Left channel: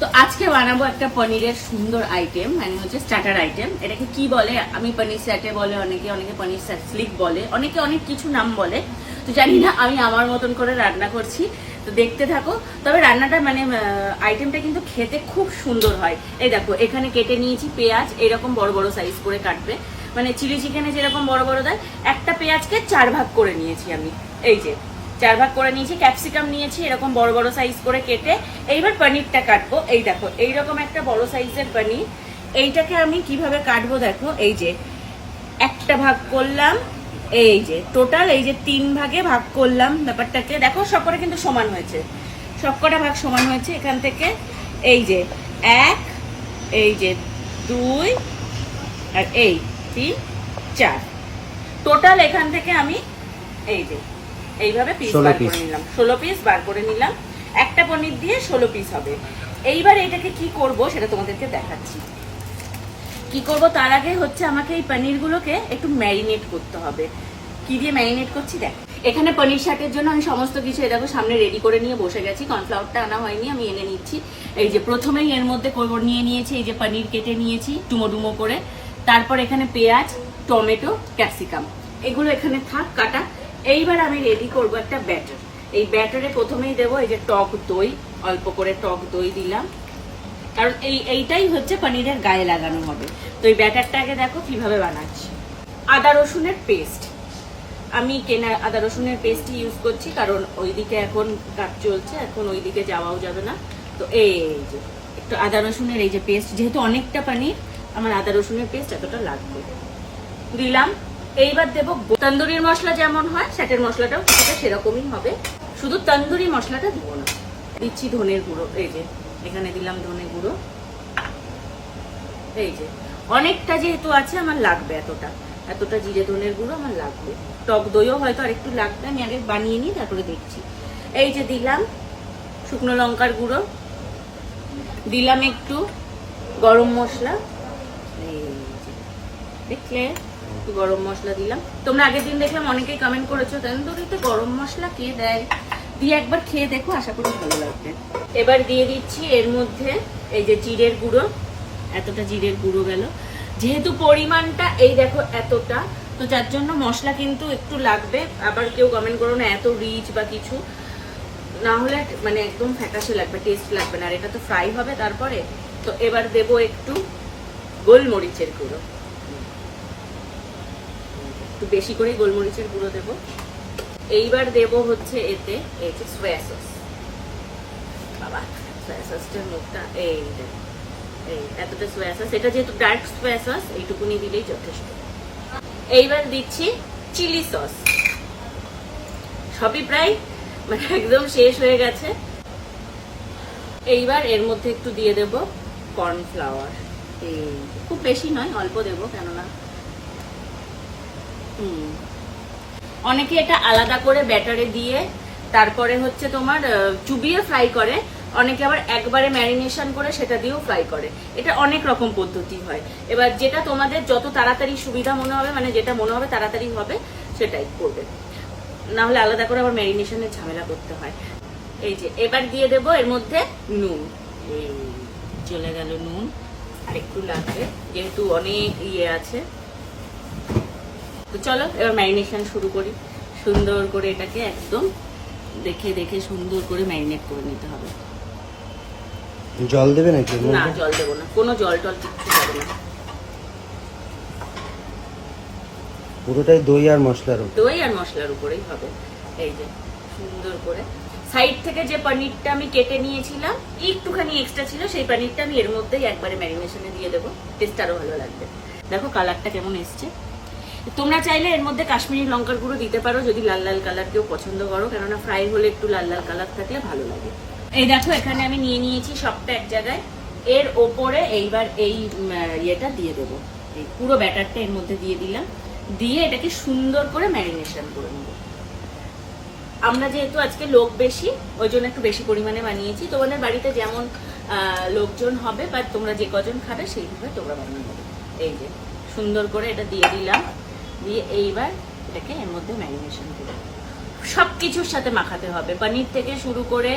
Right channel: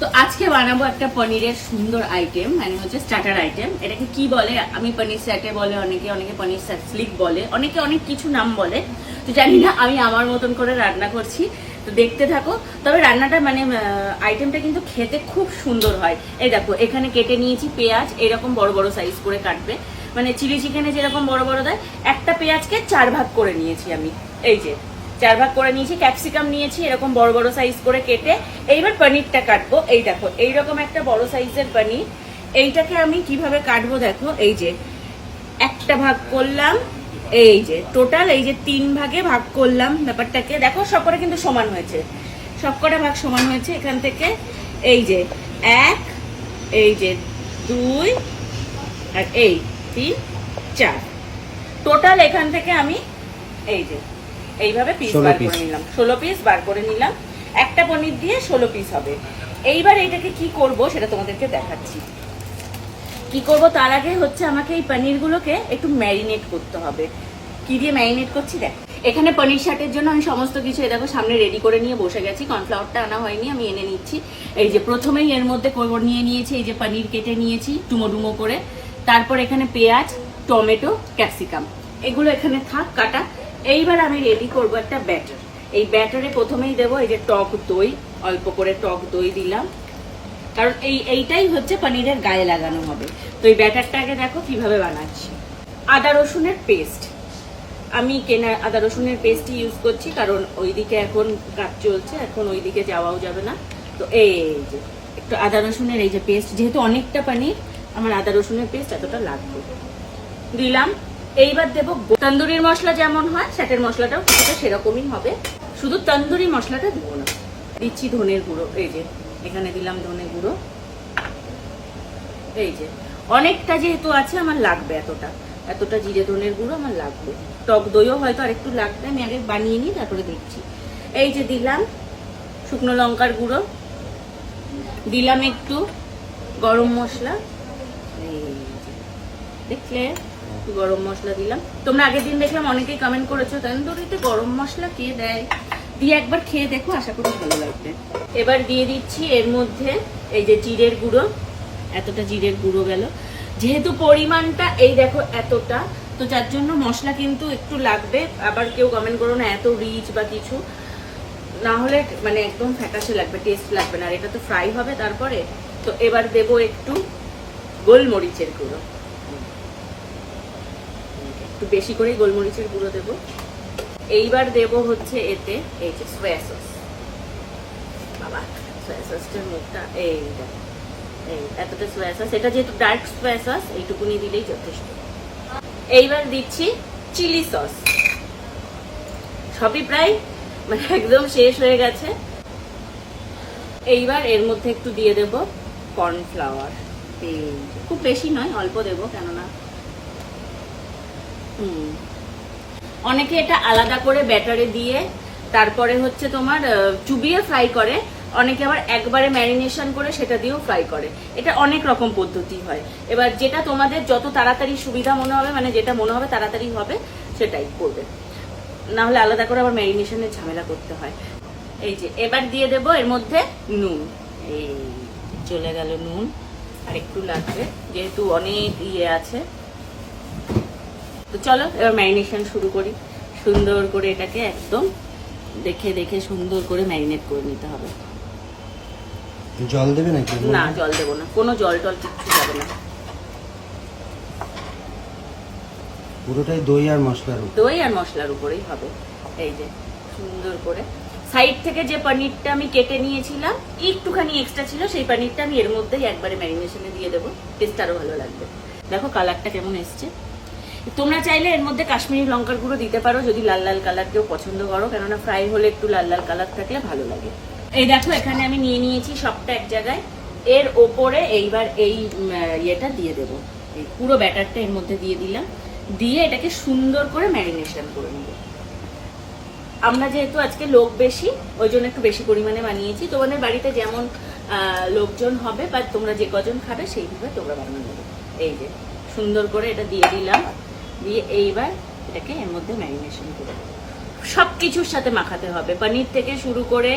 তো আজকে বানাবো একটা পনিরের সুন্দর আইটেম, মানে হচ্ছে স্টার্টার আইটেম। এটাকে কি বলে, আমি পনির স্যাটে বলে, অনেকে অনেকে পনির স্লিক বলে, অনেকে অনেক কিছু নাম বলে। তো জানি না, আমি আমার মতন করে রান্না করছি, তো দেখতে থাকো। তবে রান্নাটা মানে আইটেমটা কিন্তু খেতে খুব সুন্দর হয়। এই দেখো, এখানে কেটে নিয়েছি পেঁয়াজ, এরকম বড় বড় সাইজ করে কাটবে, মানে চিলি চিকেনে যেরকম বড় বড় দেয়। একটা পেঁয়াজকে 4 ভাগ করে নিয়েছি আমি, এই যে 4 ভাগ করে নিয়েছি। ক্যাপসিকাম নিয়েছি এরকম বড় বড় সাইজ করে কেটে। এইবার পনিরটা কাটবো। এই দেখো, এইরকম একটা বড় সাইজের পনির। এইটাকে আমি কিভাবে কাটবো দেখো, এই যে একটা ভাগ করলাম, এই যে টোটাল এই যে 3 ভাগে ভাগ করলাম ব্যাপারটাকে। দেখো সবকটা কিন্তু সমান হয়েছে, সবকটা ভাগ সমান হয়েছে। এখান থেকে এই যে 1, এই যে 2, আর এই 3, 4, টোটাল এখান থেকে আমি এই যে এইভাবে পিস বার করে নিলাম, 16 পিস বার করে নিলাম। একটা পনির দিয়ে 16 পিস হবে। এইবার এটাকে কি করব সেটা তোমাদেরকে দেখাচ্ছি। কি করব তার আগে হচ্ছে আমাকে এই পনিরগুলোকে একটু ম্যারিনেট করতে হবে। কি দিয়ে ম্যারিনেট করছি দেখ। এখানে পনির শাকের জন্য আমি সমস্ত কিছু দেখো সামনে রেডি করে নিয়ে বসে গেছি। কর্নফ্লাওয়ারটা আনা হয়নি, আমি এনে নিচ্ছি। এই যে প্রথমেই এর মধ্যে নিয়ে নিয়েছি এই যে পনির কেটে নিয়েছি ডুমো ডুমো করে। তারপর এখানে পেঁয়াজ, টমেটো, ক্যাপসিকাম, এগুলো এখানে থাক কাটা। এইবার আমি রেডি করব একটা ব্যাটার। এই ব্যাটারে প্রথমেই দেবো এই যে টক দই, অল্প করে টক দই দিলাম, কারণ এইটাই হচ্ছে পনিরের গায়ে লাগানো হবে। তো এই ব্যাটারটাকে দেখো কিভাবে বানাচ্ছি। আদা রসুনের পেস্ট, আমি কেনা আদা রসুনের পেস্টই ইউজ করছি, কারণ ওইদিকে এখন কাজ চলছে, এখন ওইদিকে যাওয়াও যাবে না। তো এই যে একটু আদা রসুনের এই যে পেস্ট, যেহেতু অনেকটা পনির আমার আদা রসুনের পেস্ট এতটা লাগবে, দিলাম। এইবার দেবো তন্দুরির মশলা, যেমন হয় স্যাটের মশলাটাও কিছুটা সেরকমই হবে, শুধু তন্দুরি মশলাটা দেবো না। দিচ্ছি ধনের গুঁড়ো, এই যে এখানে দিলাম ধনে গুঁড়ো। এই যে অনেকটা যেহেতু আছে আমার লাগবে এতটা, এতটা জিরে ধনের গুঁড়ো আমার লাগবে। টক দইও হয়তো আরেকটু লাগবে, আমি আগে বানিয়ে নিই তারপরে দেখছি। এই যে দিলাম শুকনো লঙ্কার গুঁড়ো, দিলাম একটু গরম মশলা, দেখলে একটু গরম মশলা দিলাম। তোমরা আগের দিন দেখলাম অনেকেই কমেন্ট করেছো তন্দুরিতে গরম মশলা কে দেয়, দিয়ে একবার খেয়ে দেখো, আশা করি ভালো লাগবে। এবার দিয়ে দিচ্ছি এর মধ্যে এই যে জিরের গুঁড়ো, এতটা জিরের গুঁড়ো গেল। যেহেতু পরিমাণটা এই দেখো এতটা, তো যার জন্য মশলা কিন্তু একটু লাগবে। আবার কেউ কমেন্ট করো না এত রিচ বা কিছু, না হলে মানে একদম ফ্যাকাশে লাগবে, টেস্ট লাগবে না। আর এটা তো ফ্রাই হবে তারপরে। তো এবার দেবো একটু গোলমরিচের গুঁড়ো, একটু বেশি করে গোলমরিচের গুঁড়ো দেবো। এইবার দেবো হচ্ছে এতে এই যে সয়া সস। বাবা, সয়া সসটার মুখটা এই দেখো, এই এতটা সয়া সস, এটা যেহেতু ডার্ক সয়া সস, এইটুকুনি দিলেই যথেষ্ট। এইবার দিচ্ছি চিলি সস, সবই প্রায় মানে একদম শেষ হয়ে গেছে। এইবার এর মধ্যে একটু দিয়ে দেব কর্নফ্লাওয়ার, খুব বেশি নয়, অল্প দেবো, কেননা অনেকে এটা আলাদা করে ব্যাটারে দিয়ে তারপরে হচ্ছে তোমার চুবিয়ে ফ্রাই করে, অনেকে আবার একবারে ম্যারিনেশন করে সেটা দিয়েও ফ্রাই করে। এটা অনেক রকম পদ্ধতি হয়। এবার যেটা তোমাদের যত তাড়াতাড়ি সুবিধা মনে হবে, মানে যেটা মনে হবে তাড়াতাড়ি হবে সেটাই করবে, না হলে আলাদা করে আবার ম্যারিনেশনের ঝামেলা করতে হয়। এই যে এবার দিয়ে দেবো এর মধ্যে নুন, এই চলে গেল নুন, আর একটু লাগবে যেহেতু অনেক ইয়ে আছে। তো চলো এবার ম্যারিনেশন শুরু করি। সুন্দর করে এটাকে একদম দেখে দেখে সুন্দর করে ম্যারিনেট করে নিতে হবে। জল দেবে নাকি? না, জল দেবো না, কোনো জল টল কিচ্ছু যাবে না, পুরোটাই দই আর মশলার উপর, দই আর মশলার উপরেই হবে। এই যে সুন্দর করে সাইড থেকে যে পনিরটা আমি কেটে নিয়েছিলাম, একটুখানি এক্সট্রা ছিল, সেই পনিরটা আমি এর মধ্যেই একবারে ম্যারিনেশনে দিয়ে দেবো, টেস্ট আরো ভালো লাগবে। দেখো কালারটা কেমন এসছে। তোমরা চাইলে এর মধ্যে কাশ্মীরি লঙ্কার গুঁড়ো দিতে পারো যদি লাল লাল কালার কেউ পছন্দ করো, কেননা ফ্রাই হলে একটু লাল লাল কালার থাকলে ভালো লাগে। এই দেখো এখানে আমি নিয়ে নিয়েছি সবটা এক জায়গায়। এর ওপরে এইবার এই ইয়েটা দিয়ে দেবো, এই পুরো ব্যাটারটা এর মধ্যে দিয়ে দিলাম, দিয়ে এটাকে সুন্দর করে ম্যারিনেশন করে নেব। আমরা যেহেতু আজকে লোক বেশি, ওই জন্য একটু বেশি পরিমাণে বানিয়েছি। তোমাদের বাড়িতে যেমন লোকজন হবে বা তোমরা যে কজন খাবে সেইভাবে তোমরা বানিয়ে নেবে। এই যে সুন্দর করে এটা দিয়ে দিলাম, দিয়ে এইবার এটাকে এর মধ্যে ম্যারিনেশন করে সবকিছুর সাথে মাখাতে হবে, পনির থেকে শুরু করে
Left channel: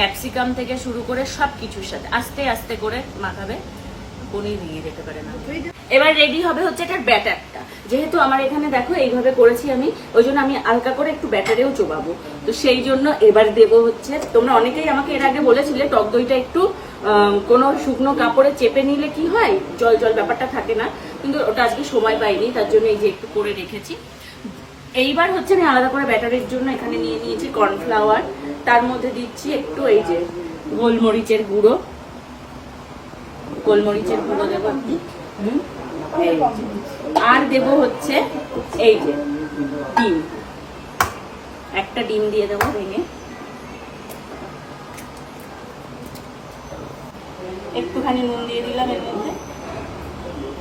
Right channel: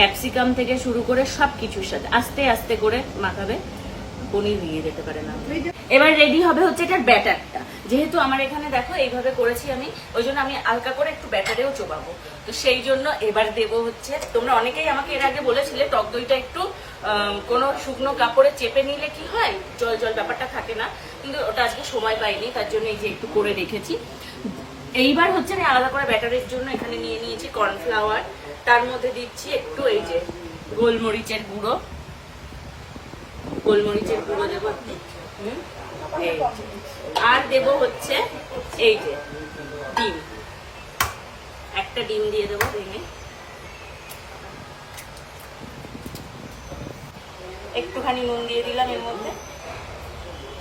ক্যাপসিকাম থেকে শুরু করে সব কিছুর সাথে আস্তে আস্তে করে মাখাবে, পনির ভেঙে যেতে পারে না। এবার রেডি হবে হচ্ছে এটার ব্যাটারটা। যেহেতু আমার এখানে দেখো এইভাবে করেছি আমি, ওই জন্য আমি হালকা করে একটু ব্যাটারেও চোবাবো। তো সেই জন্য এবার দেবো হচ্ছে, তোমরা অনেকেই আমাকে এর আগে বলেছিলে টক দইটা একটু কোনো শুকনো কাপড়ে চেপে নিলে কি হয়, জল জল ব্যাপারটা থাকে না, কিন্তু ওটা আজকে সময় পাইনি, তার জন্য এই যে একটু করে রেখেছি। এইবার হচ্ছে আমি আলাদা করে ব্যাটারের জন্য এখানে নিয়ে নিয়েছি কর্নফ্লাওয়ার, তার মধ্যে দিচ্ছি একটু এই যে গোলমরিচের গুঁড়ো, গোলমরিচের গুঁড়ো দেবো একটু, এই যে। আর দেবো হচ্ছে এই যে ডিম, একটা ডিম দিয়ে দেবো ভেঙে, একটুখানি নুন দিয়ে দিলাম এর মধ্যে।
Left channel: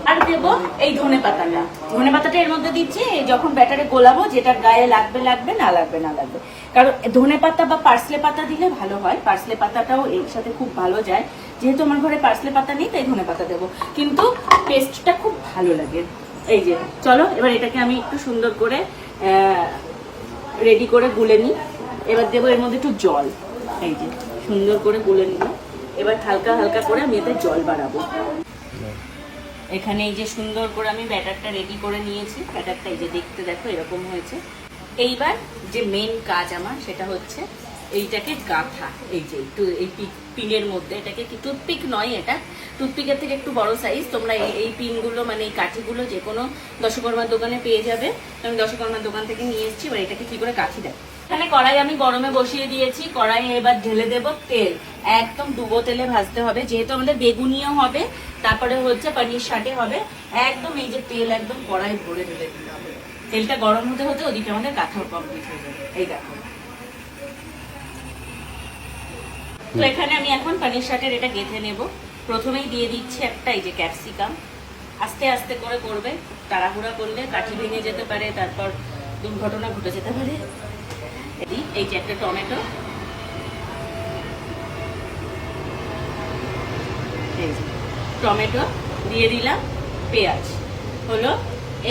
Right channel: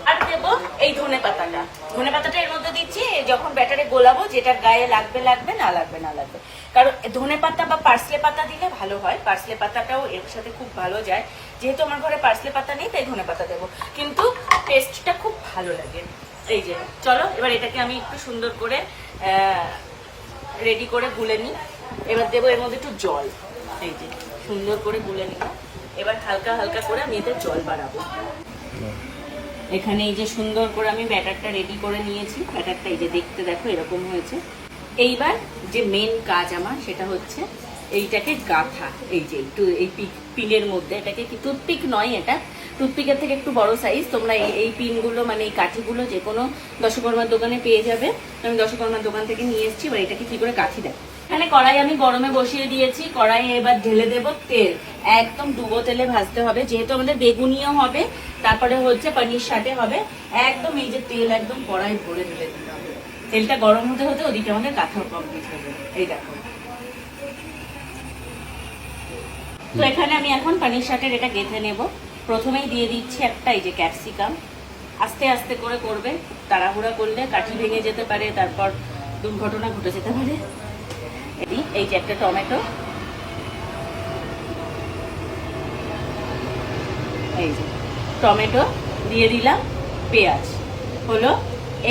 আর দেবো এই ধনে পাতাটা, ধনে পাতাটা এর মধ্যে দিচ্ছি যখন ব্যাটারে গোলাবো, যেটা গায়ে লাগবে লাগবে, না লাগবে না লাগবে। কারণ ধনে পাতা বা পার্সলে পাতা দিলে ভালো হয়, পার্সলে পাতাটাও এর সাথে খুব ভালো যায়। যেহেতু আমার ঘরে পার্সলে পাতা নেই তাই ধনে পাতা দেবো, কিন্তু টেস্টটা খুব ভালো লাগে। এই যে চলো এবার এটাকে আমি একটু সুন্দর করে রেডি করে গুলে নিই। এবার দেবো এর মধ্যে একটু জল, এই যে সুন্দর করে গুলে নিলাম। এবার হালকা হালকা করে আমি এতে জল বাড়াবো। এখানে এই যে সুন্দর করে আমি ব্যাটারটা রেডি করে নিয়েছি, ব্যাটারটা এই যে দেখতে দেখো এরকম হয়েছে। এইবার যে মেন কাজ আমার সেটা হচ্ছে এইটাকে গাঁথা, এই যে একটু এই পিনের মধ্যে, এটাকে কি টুথপিক নয়, এটা টুথপিকের থেকে একটু বড় সাইজ। তোমরা এই পিনগুলো মানে এই কাঠিগুলো যে কোনো দশকর্মার দোকানে পেয়ে যাবে, আমি দশকর্মার দোকান থেকে নিয়ে এসেছি। এবার এটাকে কি করে কাঠি দেয়, এখানে কড়াই আমি গরমে বসিয়ে দিয়েছি, কড়াইয়ে এবার ঢেলে দেব তেল, একদম ডুবো তেলে ভাজতে হবে, যেহেতু আমাদের বেগুনিও হবে, তারপরে হচ্ছে পনির সাথে হবে। একদম এই যে তেল একদম কড়াই ভরে ঢেলে দিতে হবে, তেলটা গরম হতে হতে ওদিকে আমাদের কাঁথাও কমপ্লিট হবে। এই দেখো, তো এখানে আমি এখন পনির শাকের এটা গেঁথে নেব। প্রথমেই দিয়ে দিচ্ছি একটা এই যে ক্যাপসিকাম, আস্তে আস্তে করে করবে, তাড়াহুড়া করলে কাঠি ভেঙে যেতে পারে, তারপর দুর্ঘটনা ঘটে যেতে পারে। এই যে একটা টমেটো, এই যে টমেটো দিয়ে দিলাম, পেঁয়াজ হলো।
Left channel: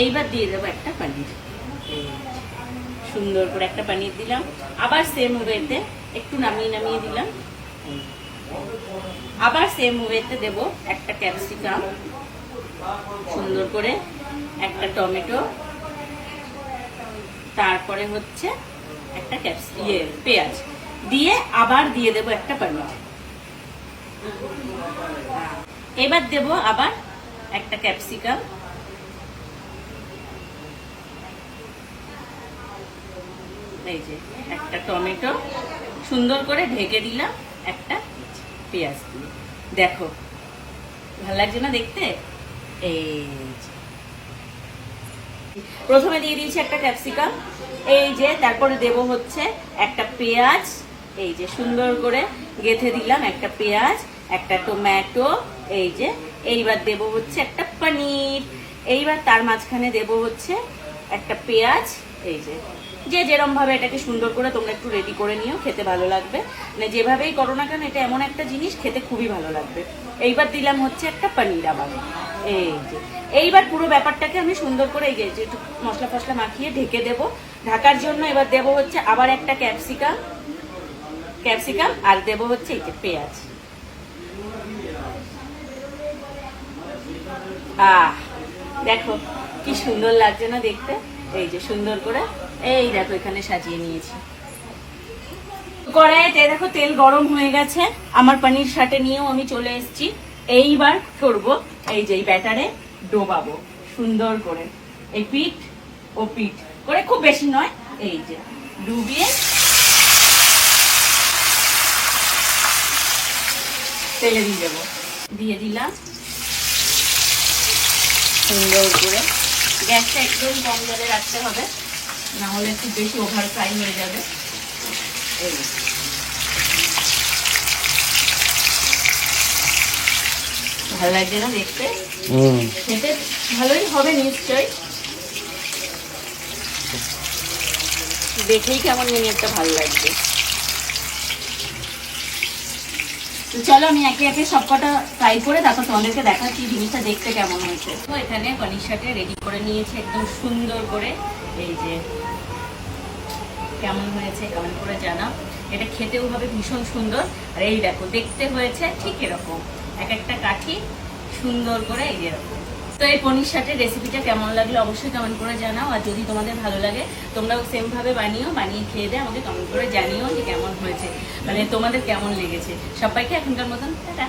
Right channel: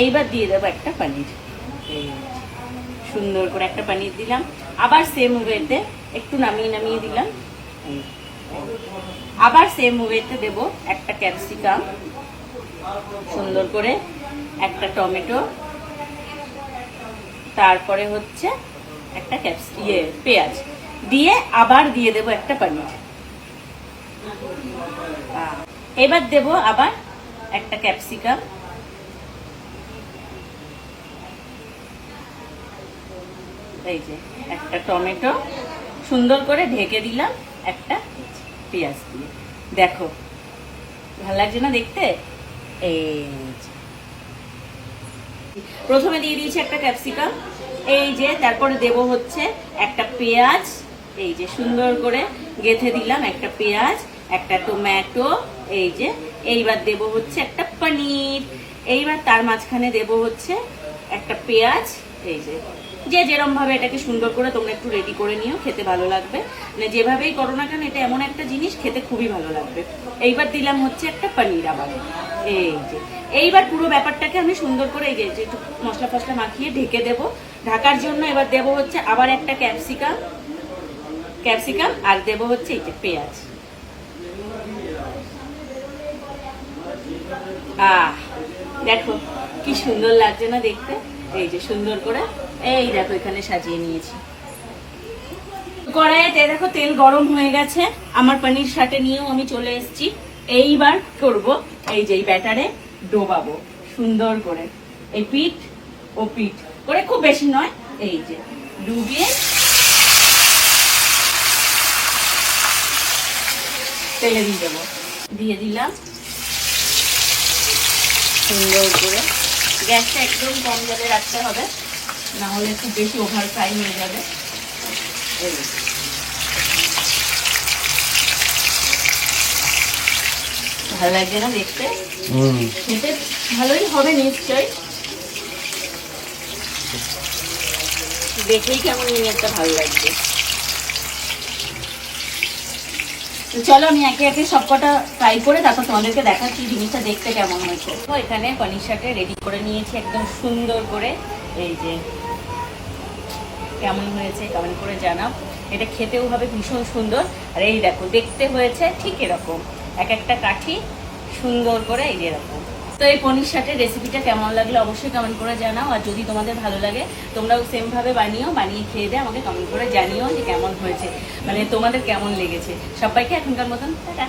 এইবার দিয়ে দেবো একটা পনির, সুন্দর করে একটা পনির দিলাম। আবার সেম ওয়েতে একটু নামিয়ে নামিয়ে দিলাম, আবার সেম ওয়েতে দেব একটা ক্যাপসিকাম, সুন্দর করে একটা টমেটো, তারপরে হচ্ছে একটা পেঁয়াজ দিয়ে আবার দিয়ে দেব একটা পনির। এবার দেব আবার একটা ক্যাপসিকাম, এই যে একটা টমেটো, সুন্দর করে ঢেকে দিলাম একটা পেঁয়াজ দিয়ে। দেখো ভালো লাগছে না দেখতে? এই প্রথমে দিয়ে দিয়েছি একটা ক্যাপসিকাম, এই যে তারপরে দেব হচ্ছে একটা পেঁয়াজ, এই যে সুন্দর করে গেঁথে দিলাম একটা পেঁয়াজ, একটা টমেটো, এই যে। এইবার দেব হচ্ছে একটা পনির, এইবার তার মাঝখানে দেব হচ্ছে একটা পেঁয়াজ, এই যে। যে যেরকম ভাবে এটাকে সুন্দর করে তোমরা একটু রেডি করে নিও, খেতে ভালো লাগবে, মানে যেভাবেই করো না কেন এটা এমন একটা জিনিস খেতে খুবই ভালো লাগবে। এইবার দিলাম হচ্ছে একটা পনির আবার, এই যে। এইবার পুরো ব্যাপারটাকে আমি সুন্দর করে এই যে একটু মশলা ফসলা মাখিয়ে ঢেকে দেব। ঢাকার জন্য এবার দেব হচ্ছে আবার একটা ক্যাপসিকাম আর দেব হচ্ছে এই যে পেঁয়াজ। দেখো কি সুন্দর লাগছে না দেখতে, এই যে সুন্দর করে এই দেখো এখানে সাজিয়ে নিয়েছি। কড়াইতে দেখো তেল গরম হয়ে গেছে, আমার পনির সাথে নিয়েও আমি চলে এসেছি। এইবার করব এই যে ব্যাটারে ডোবাবো সুন্দর করে, এই পিঠ ও পিঠ করে, খুব বেশি নয়, এই যে ডুবিয়ে তেলে দিয়ে দেবো। দিয়ে দিলাম সুন্দর করে, গ্যাসটা একদম কম জালে রাখতে হবে, না হলে খুব বেশি ওভার ফ্রাই হয়ে যাবে। ভালো লাগছে না দেখতে? খেতে ভালোই হবে নিশ্চয়, দেখেই কেমন একটা ভালো লাগছে। চলো আমি একে একে সবকটা ফ্রাই করে তারপর তোমাদেরকে দেখাচ্ছি জিনিসটা দেখতে কেমন হয়েছে। তো এখানে পনির সাথে রেডি করে নিয়েছি একদম সুন্দর করে, এই যে কেমন হয়েছে কমেন্ট করে জানাও। এটা খেতেও হবে ভীষণ সুন্দর। আর এই দেখো দেখতে হয়েছে ঠিক এরকম, এক একটা কাঠি সুন্দর করে এই এরকম। তো এই পনির সাথে রেসিপিটা কেমন লাগলো অবশ্যই কমেন্ট করে জানাও। আর যদি তোমাদের ভালো লাগে তোমরাও সেম ভাবে বানিয়ে খেয়ে দিয়ে আমাকে কমেন্ট করে জানিও যে কেমন হয়েছে, মানে তোমাদের কেমন লেগেছে। সবাইকে এখনকার মতন টাটা।